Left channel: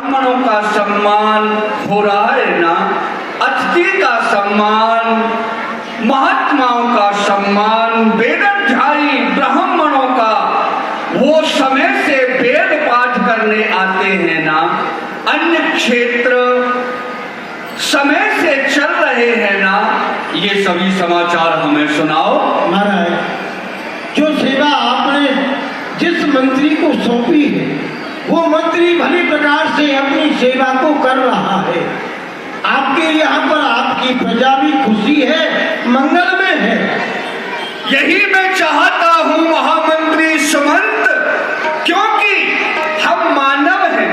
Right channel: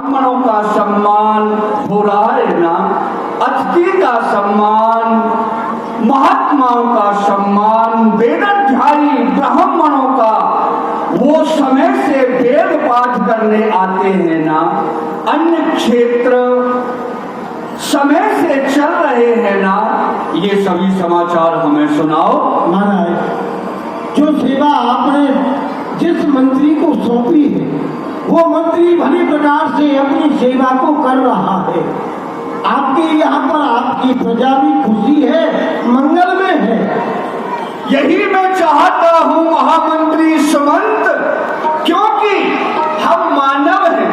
ब्राह्मणों का सम्मान हो रहा है ना, अतिथि का सम्मान, महात्माओं का सम्मान, वेदाध्यायी ब्राह्मणों का वो समय से वेद पाठ करने आते हैं ना, अन्य क्षेत्र समय से चल रहे हैं ना, ये सभी समाचार हमें सुनाओ। महाराज, जो सेवा आपने जिस मंत्री को सौंपी है वो मंत्री भली प्रकार से अपनी सेवा को कर रहा है। आपके यहाँ पर आपकी प्रजा भी खुशी है, मंगल में है। यही मैं चाहता हूँ महामंत्री सुमंत, क्योंकि हम मानव हैं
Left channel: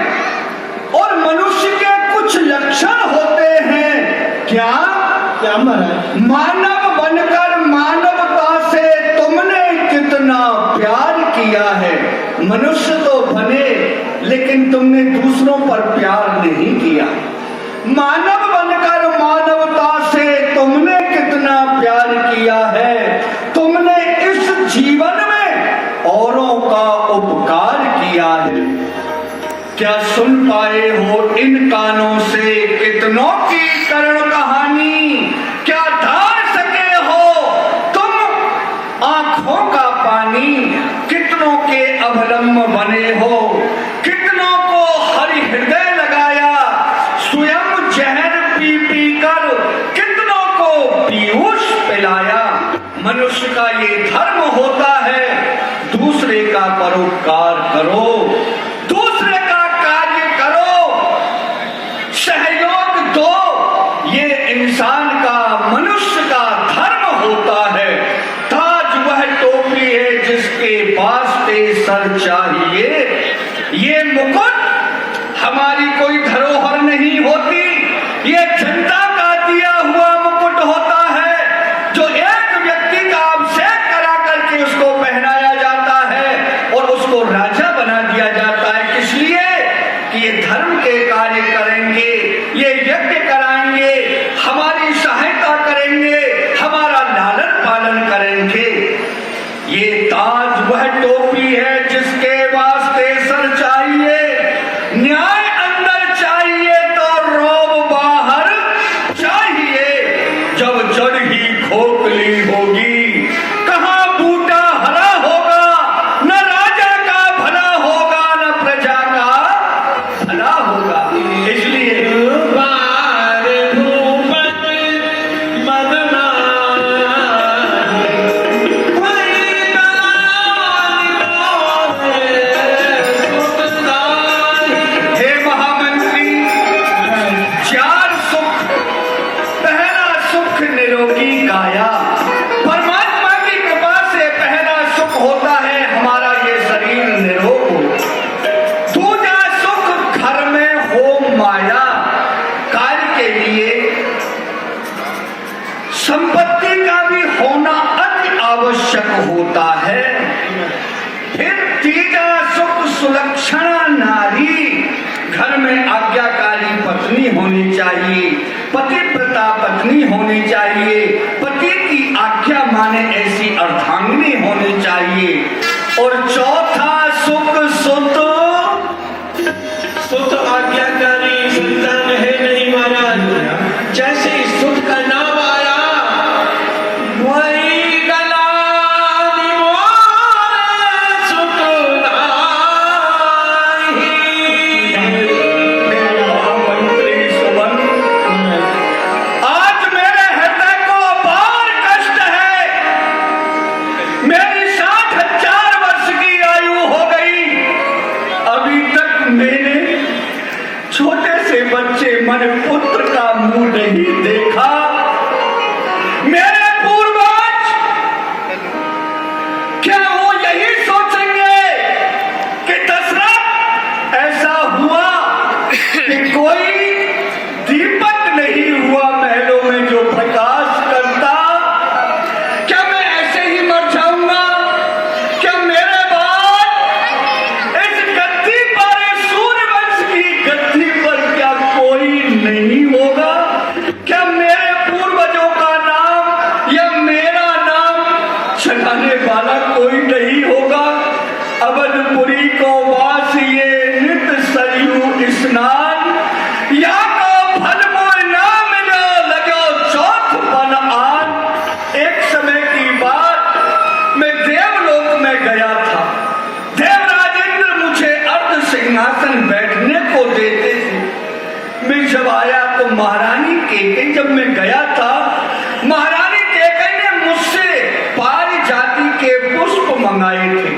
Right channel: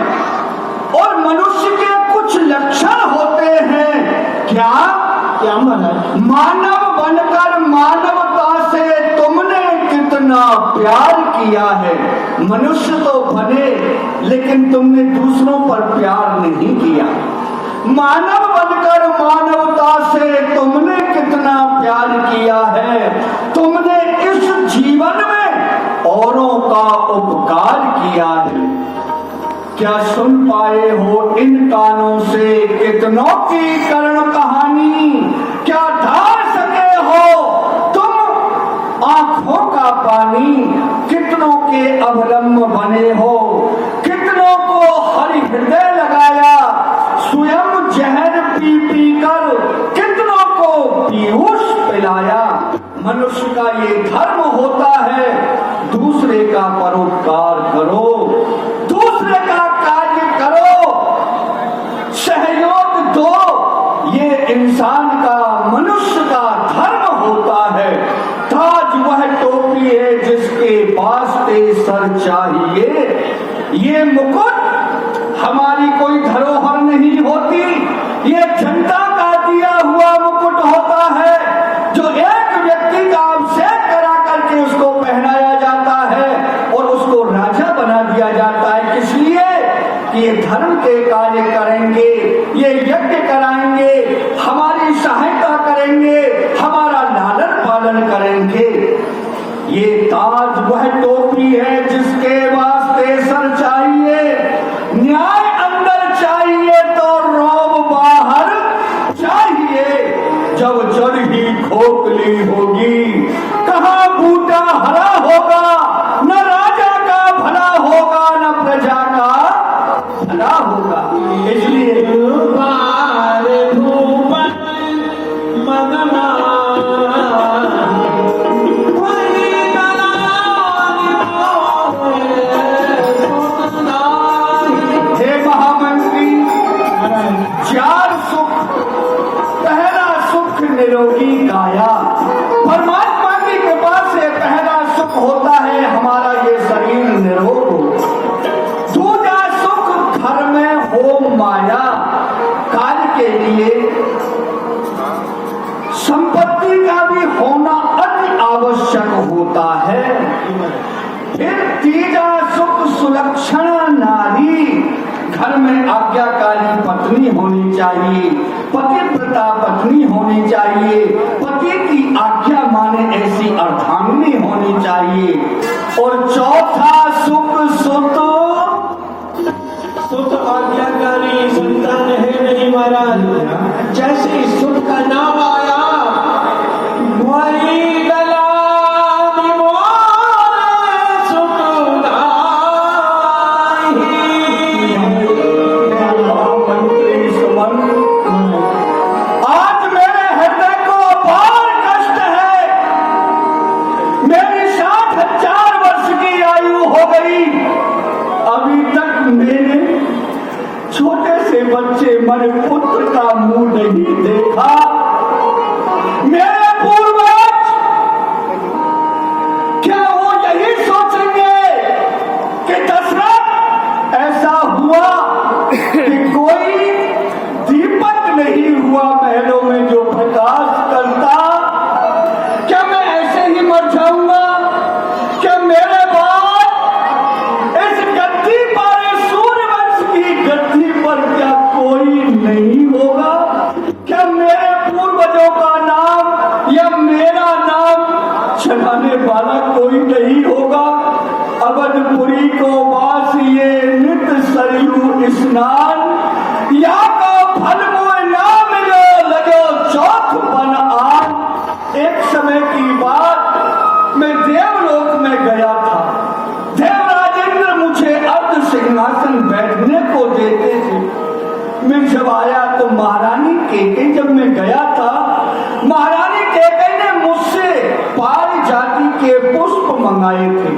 और मनुष्य के कुछ लक्षण होते हैं। क्या क्या महाराज? मानव बनकर मानवता से तुमने कितना प्यार किया है। मनुष्य तो बने लेकिन तुमने दूसरों पर प्यार नहीं किया। मानव बनकर मानवता से तुमने कितना प्यार किया है। तुमने इस जीवन में औरों का उपकार किया है। क्या सुन पाए हो इन कानों से कितनों की करुण कहानी? क्या धार सके हो तुम आंखों का पानी? कितनों के अवलंब बने हो, कितनों को हरि हृदय लगाया, स्वयं जहर पी पी कर कितनों को पीयूष पिलाया। मनुष्य का ये धर्म होता है, दूसरे का परोपकार करो, दूसरे का कार्य करो, सहयोग दो। ये इंसान का, मनुष्य का धर्म होता है। ताज वह टोपी है जिसके वास्ते सर चाहिए। ये मुकुट हमारी कोई धरोहर नहीं होती, ये जनता का दिया हुआ मुकुट होता है, जो एक व्यक्ति का अभिषेक करा करके उसको पहनाया जाता है और उसको राजा बना दिया जाता है। किस लिए? कि ये धर्म के कार्य करेंगे, ये यज्ञ कराएंगे, हमारी सहायता करेंगे, हमारा लालन पालन करेंगे। ये ताज वह टोपी है जिसके वास्ते सर चाहिए। न्याय अंदर चाहिए तो रौब बाहर चाहिए। जब जड़ ही खोखली होगी, कहाँ बूटा हरा होगा, न राजा का भला होगा न प्रजा का भला होगा। इसलिए निरोगी काया, परमात्मा की कृपा से पहला सुख होता है हमारा ये शरीर निरोग हो। दूसरा सुख घर में हो माया। कार्य के लिए संपत्ति का भी होना अति आवश्यक होता है। फिर तीसरा सुख सुलक्षणा नारी। घर में आज्ञाकारी पत्नी होनी चाहिए, पतिव्रता पत्नी होनी चाहिए, पति की आज्ञा माने ऐसी अर्धांगिनी होनी चाहिए। और चौथा सुख सुत आज्ञाकारी संतान है नहीं महाराज। जैसे सुत का नाम आया, वही बच्चे मन पुत्र का मुंह नहीं देखा। मेरे पूर्वज क्या वो यही सोचेंगे कि दशरथ ऐसा हुआ कि कोई दीपक नहीं हुआ महलों में जो प्रकाश करता? क्या मैं ऐसे ही मर जाऊंगा? क्या मेरे बाद इस गद्दी पर, सूर्यवंश की गद्दी पर क्या कोई नहीं होगा? क्या मेरे पूर्वजों का नाम या मेरा नाम चढ़ाने वाला कोई नहीं होगा? अवधपुरी को वास ये नित सरयू स्नान या को फल मोय ना मिलो लगो चौथ बन आन। एक समय की बात, मैं देवलोक में गया था। देवराज इंद्र मुझे अर्ध सिंहासन बैठने को देते थे। मैं जब आया तो महारानी केकई, जब मैं गया था महारानी केकई ने मुझसे पारिजाति के पुष्प मंगाए थे।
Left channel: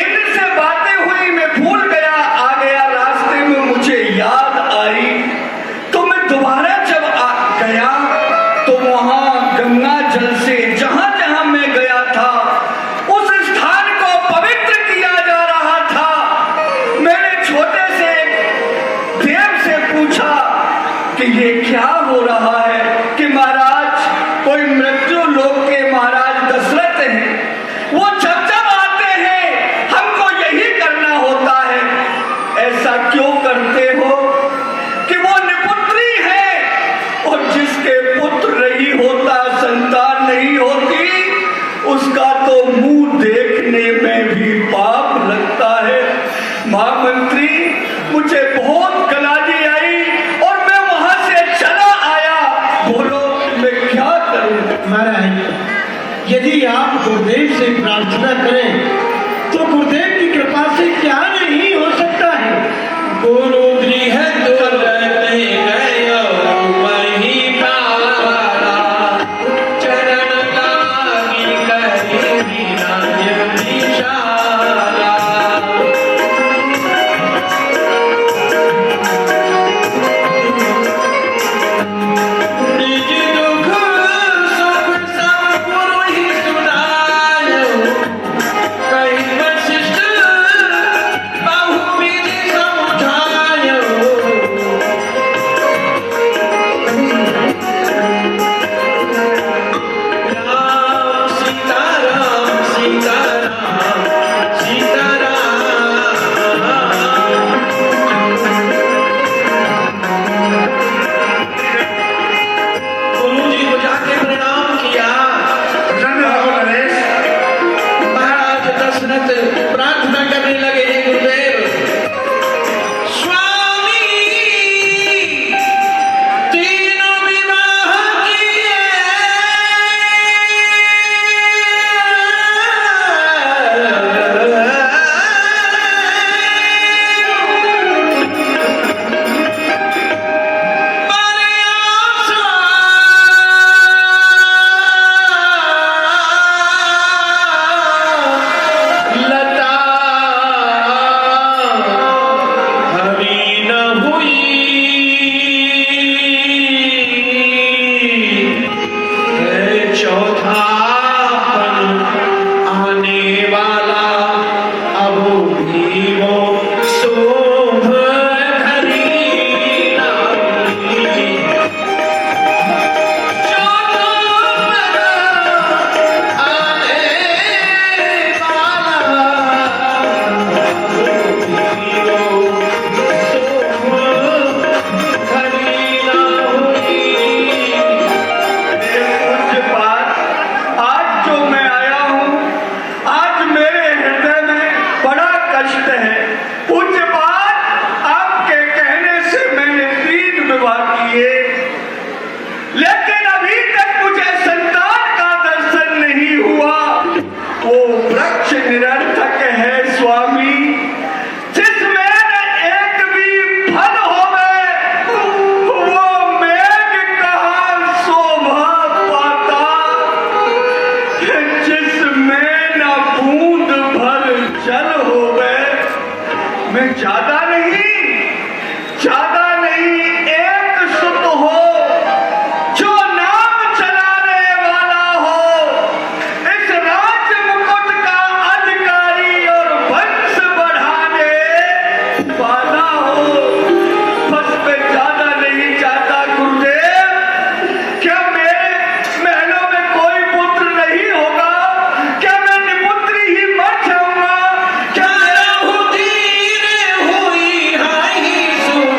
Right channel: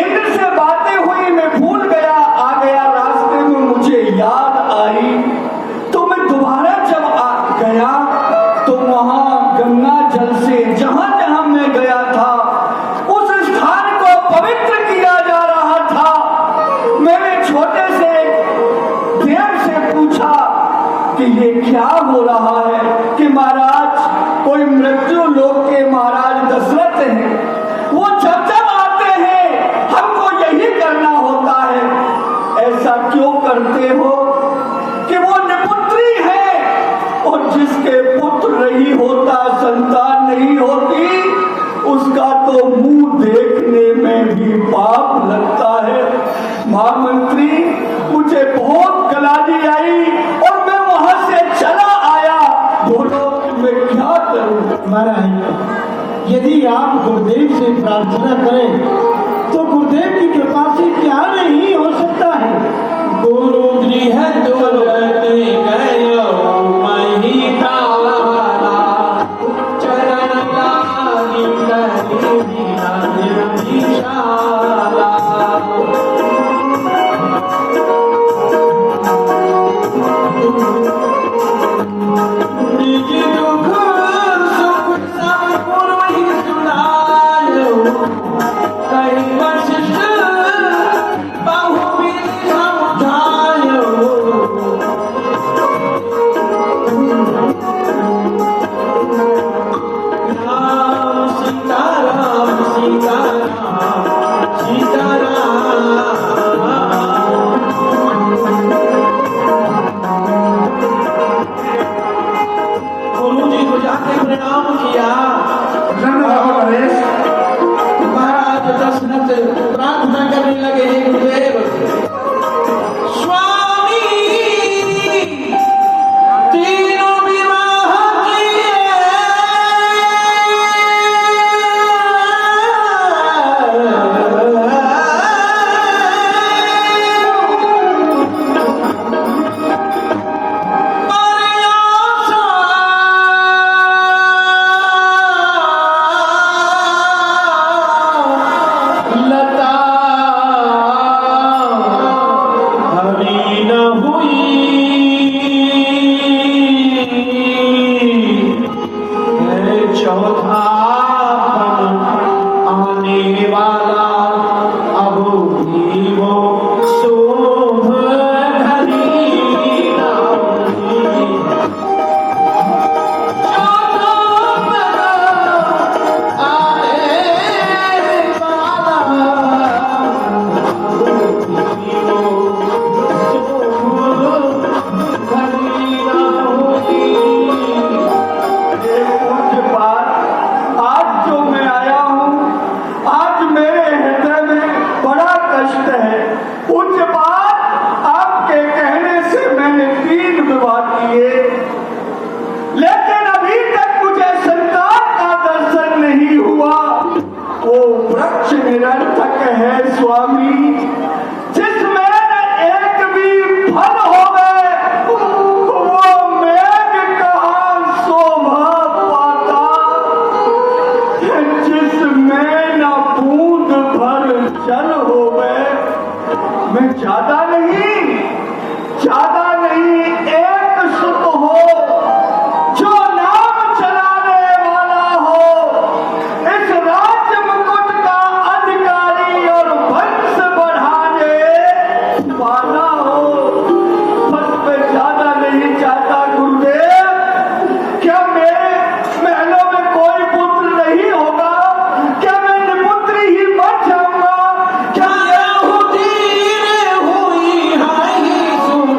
इंद्र से बातें हुई, मैं भूल गया, आ गया रास्ते में मुझे याद आई तो मैं दोबारा जब गया तो वहां गंगा जल से जहां जहां मैं गया था उस स्थान को पवित्र किया जा रहा था। मैंने छोटे से देव से पूछा कि ये क्या हो रहा है, कि महाराज कोई मृत्यु लोक के महाराज दशरथ हैं, वो जब जब आते हैं हमको यही करना होता है। ऐसा क्यों करते हो कि वो निपुत्री है और जिसके पुत्र नहीं होता, संतान नहीं होती, उसका तो मुंह देखने में भी पाप लगता है। महामंत्री, मुझे बहुत गलानी आई और मैं वहां से चला आया। बोलो मैं क्या करूं? महाराज, यदि आप गुरुदेव से प्रार्थना करें तो गुरुदेव की कृपा से क्या नहीं हो सकता है। गुरु गृह तुरते गयो मही तारा, चरण लागी करी विराज विशाला। निज दुख सुख सब गुरु ही सुनायो, कहीं वशिष्ठ बहुविधि समझायो। राम सीताराम सीताराम सीताराम। गुरु जी को जाके प्रणाम किया। महाराज दशरथ प्रार्थना करने लगे, हे गुरुदेव, स्वामी तीनों विवाह किए, लता हरी न हुई, है चौथा आने वाला, अब भी वो शोभ धरी न हुई। पूज्य पाठ, आज जो मैं आया हूँ, आज मेरे हृदय में बड़ा कष्ट है। पूज्य पाठ, आपके कहने से मैंने 3 विवाह किए, लेकिन अभी तक मुझे संतान का दर्शन नहीं हुआ। वो वृक्ष निरर्थक है स्वामी, जिसमें एक भी फल होवे, वो मेघ कहाँ शोभा पाता, जिसमें न बूंद भर जल होवे। मैं ज्यादा नहीं एक सुत हो जो नाम चलाने वाला हो, इस राज मुकुट का अधिकारी और वंश बढ़ाने वाला हो। बस मैं ज्यादा नहीं चाहता गुरुदेव। क्या मेरे महलों में कोई पुत्र नहीं होगा? क्या मैं निपुत्री ही मर जाऊंगा? क्या हुई हाई सुत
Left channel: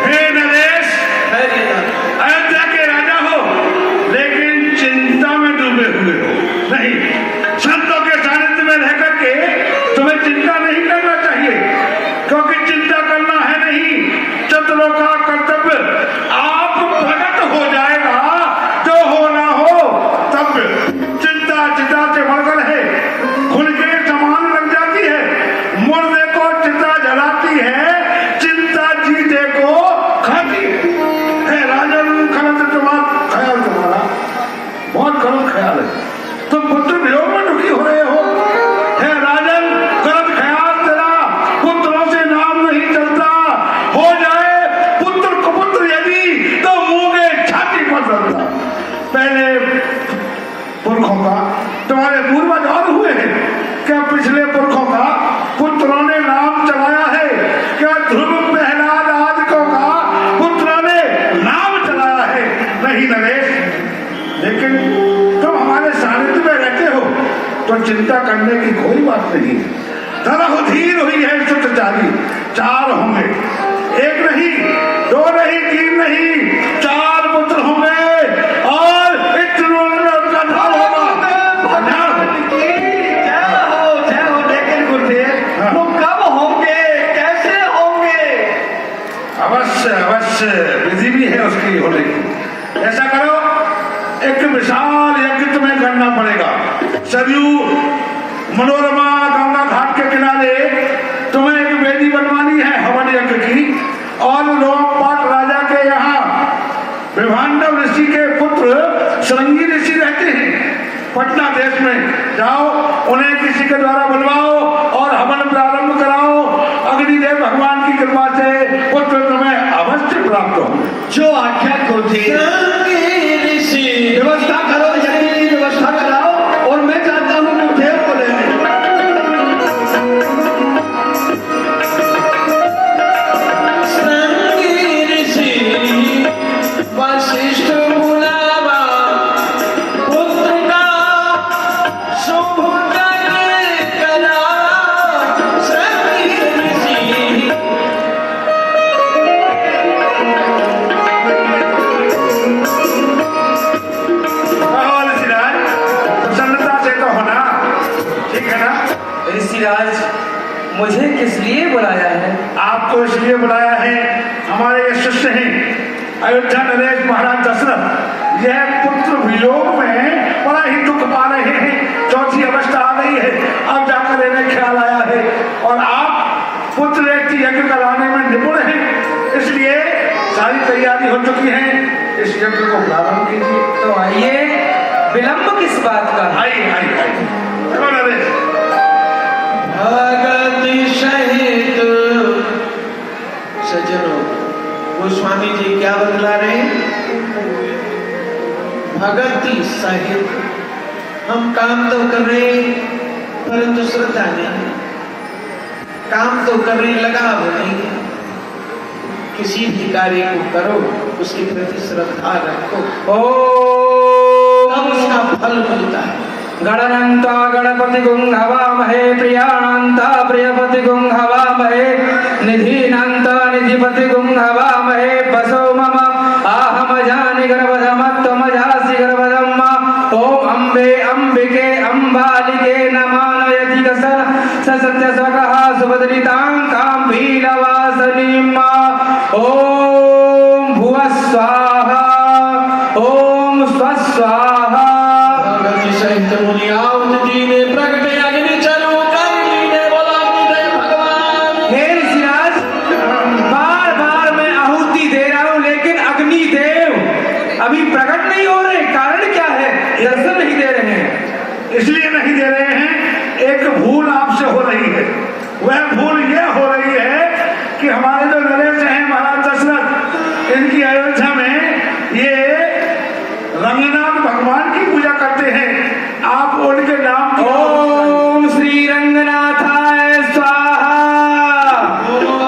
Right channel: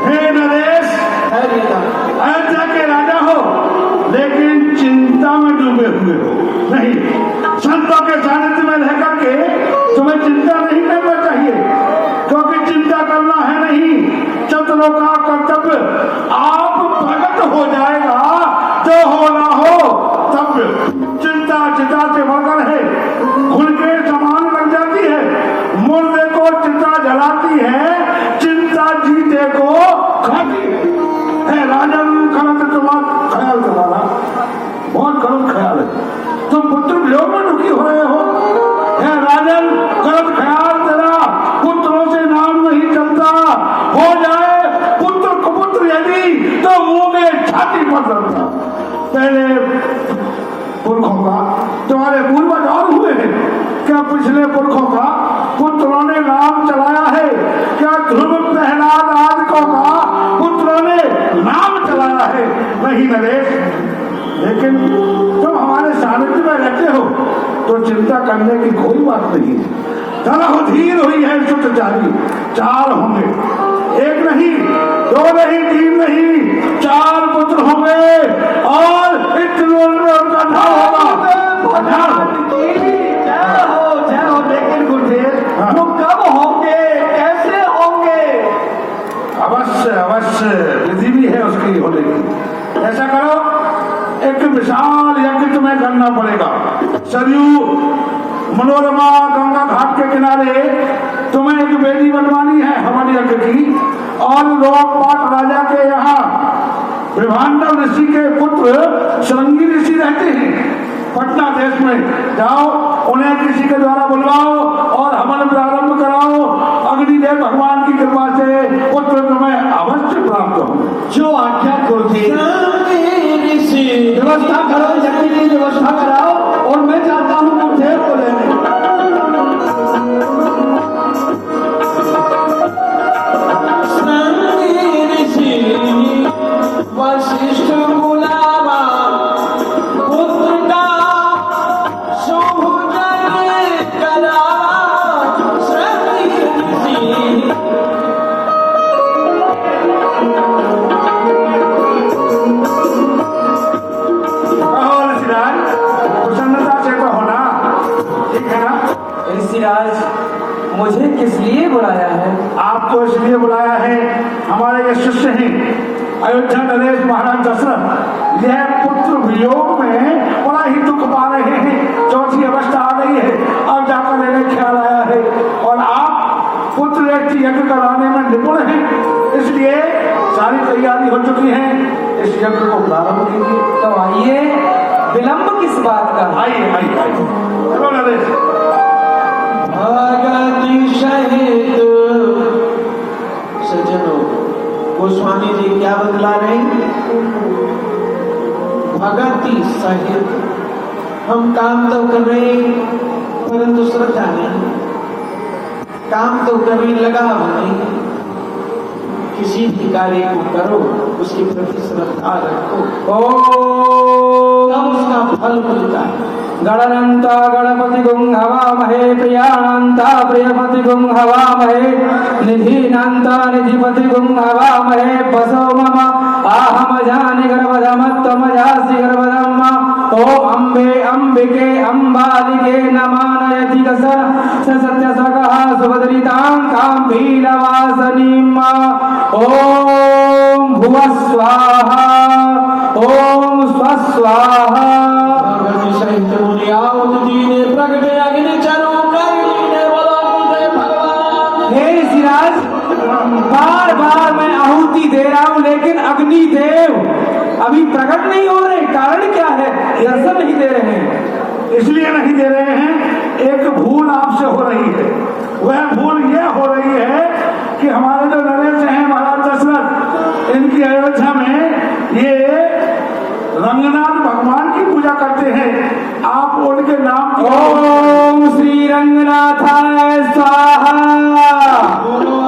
हे नरेश, अयोध्या के पहले पुरखों का, तुम्हारे पूर्वज और हुए हैं क्या? पिछले पुरखों का पुत्रों ने नाम चलाया है क्या? ध्रुव प्रहलाद आदिकों का पुत्रों ने नाम चलाया है? नहीं नरेश, लेकिन तुम हमारे सानिध्य में रहते हो तो चिंता करने की कोई बात नहीं। धीर हुई है सुत जारी, 4 होंगे, 1 नहीं, 2 नहीं, 3 नहीं, 4 पुत्र होंगे और इतना उनका नाम होगा। जय हो। लेकिन गुरुदेव वो कब होंगे, कैसे होंगे? अवश्य विधि भी है उसकी होने की। ऐसा करो, एक विशाल यज्ञ तुम्हें करना पड़ेगा। सरयू मनोरमा गंगा घाट के किनारे तुम्हें एक वेदी बनवानी है हवन यज्ञ की, और लोकपाट राजा के यहाँ विभांडव ऋषि के पुत्र श्रृंगी ऋषि रहते हैं पटना देश में। जाओ, उन्हें किसी के द्वारा बुलवाओ और हवन प्रारंभ कराओ। अग्निदेव भगवान की कृपा से पुत्र तुम्हें अवश्य प्राप्त होंगे। जो आज्ञा गुरुदेव। ऋषि व्यवस्था करो, यज्ञ की व्यवस्था कराओ और मैं चाहता हूँ गुरुदेव को लेने। वशिष्ठ बुलावा पुत्र का शुभ करा प्रसन्नता से तो होना, ठीक है ना? ऋषिराज, मुझे किस लिए बुलाया है? आपको इसलिए बुलाया है, हमारे ये शिष्य हैं अयोध्या नरेश महाराज दशरथ, यह पुत्र वियोग में बड़ा ही दुख पा रहे हैं। चौथी अवस्था आ गई है, अब जाकर इन्हें ख्याल आया है और आप पुत्र एक यज्ञ कराने में निपुण हैं, इसलिए सारी तैयारी हो चुकी है, इस यज्ञ को प्रारंभ कीजिए। तो आइए, विलंब किस बात का? आइए आइए आइए, चलो नरेश। भगति सहित सज्जनों, गोस्वामी जी क्या बतला रहे हैं? भगति सहित हम काम तो कर रहे परंतु श्रद्धा नहीं, काम तो करने लगाव नहीं। किसी भी कार्य को करो उसके प्रति श्रद्धा रखो, तब उसका फल मिलता है। गणयन्ता गणपति गुं हवामहे, प्रियान्ता प्रियपति गुं हवामहे, निधीनान्ता निधिपति गुं हवामहे। बसो मम आहम जानि गर्भधमत्वमजासि गर्भधम्म। ओम अम्बे अम्बिके अम्बालिके नमानयति कसन सत्य स्वकः सुभद्रितां काम्भीलवासनीम्। ओम भुवः स्वाहा, ओम स्वः स्वाहा। हे ऋषिराज, बार बार मैं आहुति दे रहा हूँ लेकिन अग्निदेव अभी प्रकट नहीं हो रहे, कारण क्या है? दर्शन नहीं दे रहे हैं। इसलिए नहीं दे रहे हैं, एक भूल आपसे हो रही है। वह भूल यह हो रही है कि हमारे जो नरेश हैं महाराज दशरथ, इनकी अयोध्या में ये रंगनाथ भगवान की पूजा करते हैं। आप उनके नाम की ओम श्री रंगनाथाय स्वाहा,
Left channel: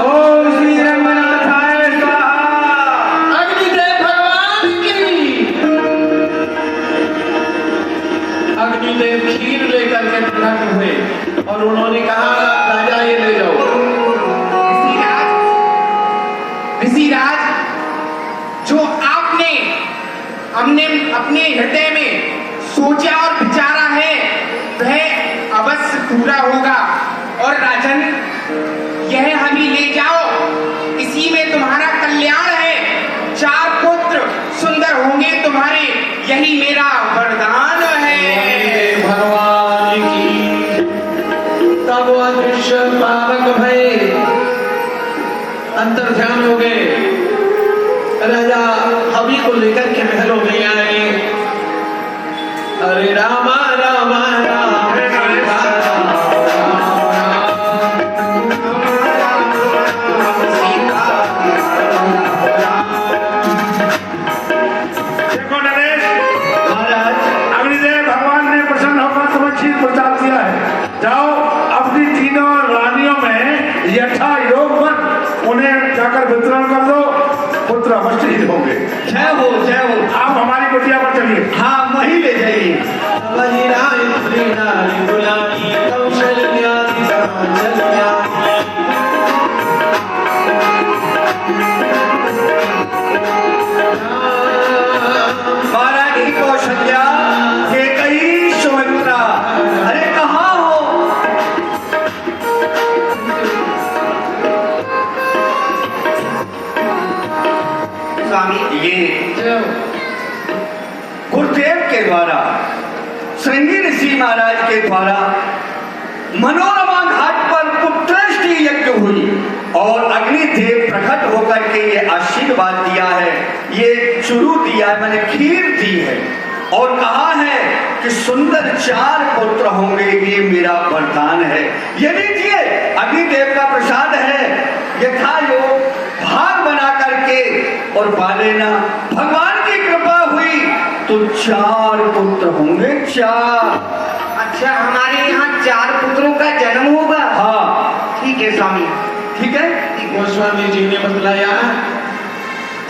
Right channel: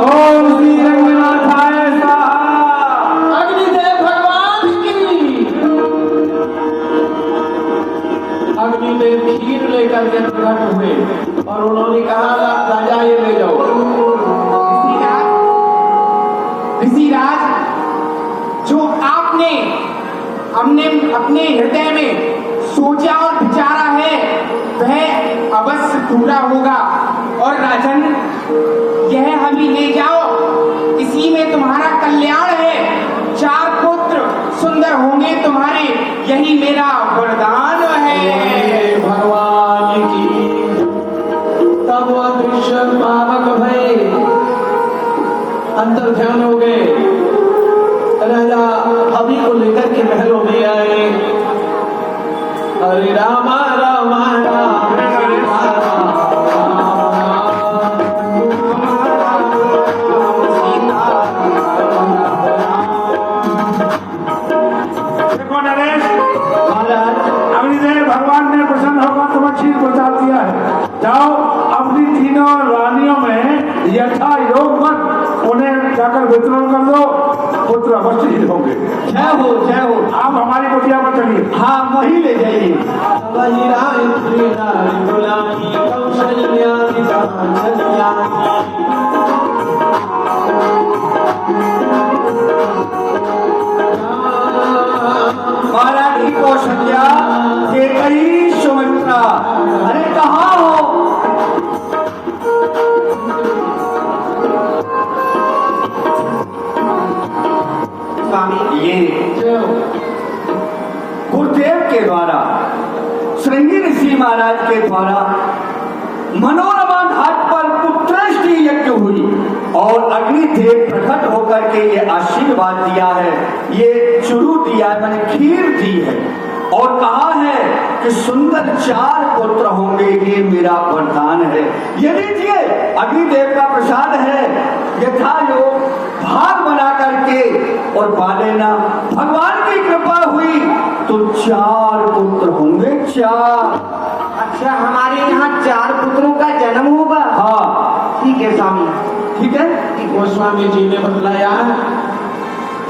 ओम श्री रंगनाथाय स्वाहा। अग्निदेव भगवान की। अग्निदेव खीर लेकर के प्रकट हुए और उन्होंने कहा, राजा ये ले जाओ। ऋषिराज, जो आपने हमने अपने हृदय में सोचा और विचारा है वह अवश्य पूरा होगा। और राजन, यह हमें ले जाओ, इसी में तुम्हारा कल्याण है। 4 पुत्र सुंदर होंगे तुम्हारे, यही मेरा वरदान है। भगवान की। तब वो दृश्य पावक भय अंतर ध्यान हो गए। राजा हवि को लेकर के महलों में आए। अरे रामा रामा राम देखो नरेश, चलिए। हाँ वहीं ले जाइए। वही राय नारी बुलाई कौशल्या कौशल्या महारानी कौशल्या के कई सुमित्रा, अरे कहाँ हो? स्वामी ये गुरुदेव के द्वारा श्रृंगी ऋषि महाराज के द्वारा मनोरमा घाट पर पुत्रष्टि यज्ञ हुई और अग्निदेव प्रकट होकर के ये आशीर्वाद दिया है, ये चुरू दिया है, मैंने खीर दी है और कहा है कि सुंदर 4 पुत्र होंगे, ये मेरा वरदान है। ये लीजिए अग्निदेव का प्रसाद है, यथा योग भाग बना करके और पालेना। भगवान की कृपा हुई तो 4 पुत्र होंगे, 4। अच्छा, हमारे यहाँ 4 पुत्रों का जन्म होगा। हाँ ठीक है स्वामी, ठीक है। गोस्वामी जी ने बतलाया,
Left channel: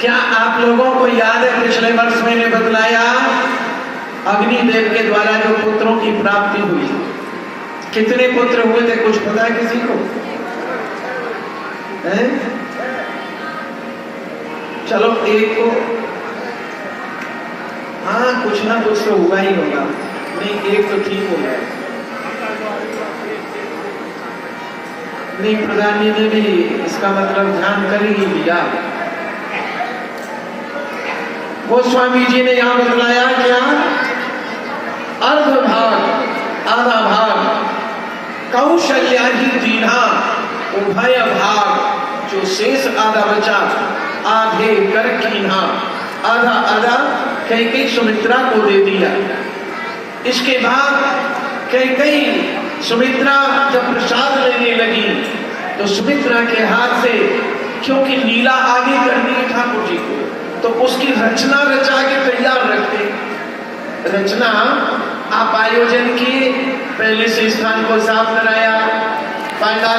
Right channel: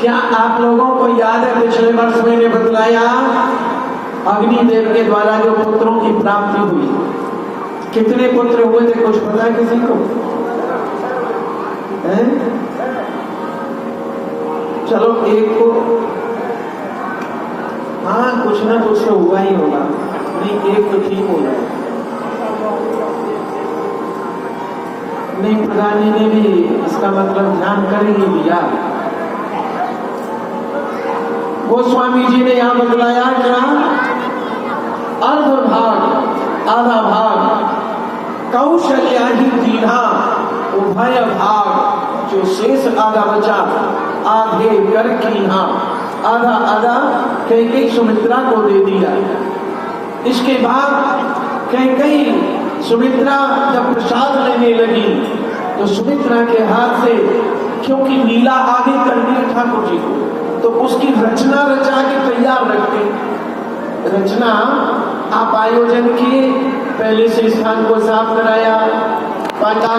क्या आप लोगों को याद है पिछले वर्ष मैंने बतलाया अग्निदेव के द्वारा जो पुत्रों की प्राप्ति हुई, कितने पुत्र हुए थे कुछ पता है किसी को? है? चलो एक को, हाँ कुछ ना कुछ तो हुआ ही होगा, नहीं एक तो ठीक हो गया। नहीं, प्रधानी ने भी इसका मतलब ध्यान कर ही दिया। गोस्वामी जी ने यहां बतलाया क्या, अर्ध भाग आधा भाग कौशल्या ही दीना, उभय भाग जो शेष आधा बचा आधे कर कीन्हा, आधा आधा कैकेयी सुमित्रा को दे दिया। इसके बाद कैकेयी सुमित्रा जब प्रसाद लेने लगी तो सुमित्रा के हाथ से, क्योंकि लीला आगे करनी है ठाकुर जी को, तो उसकी रचना रचा के तैयार रखते। रचना आप आयोजन किए, पहले से स्थान को साफ कराया, पांडाल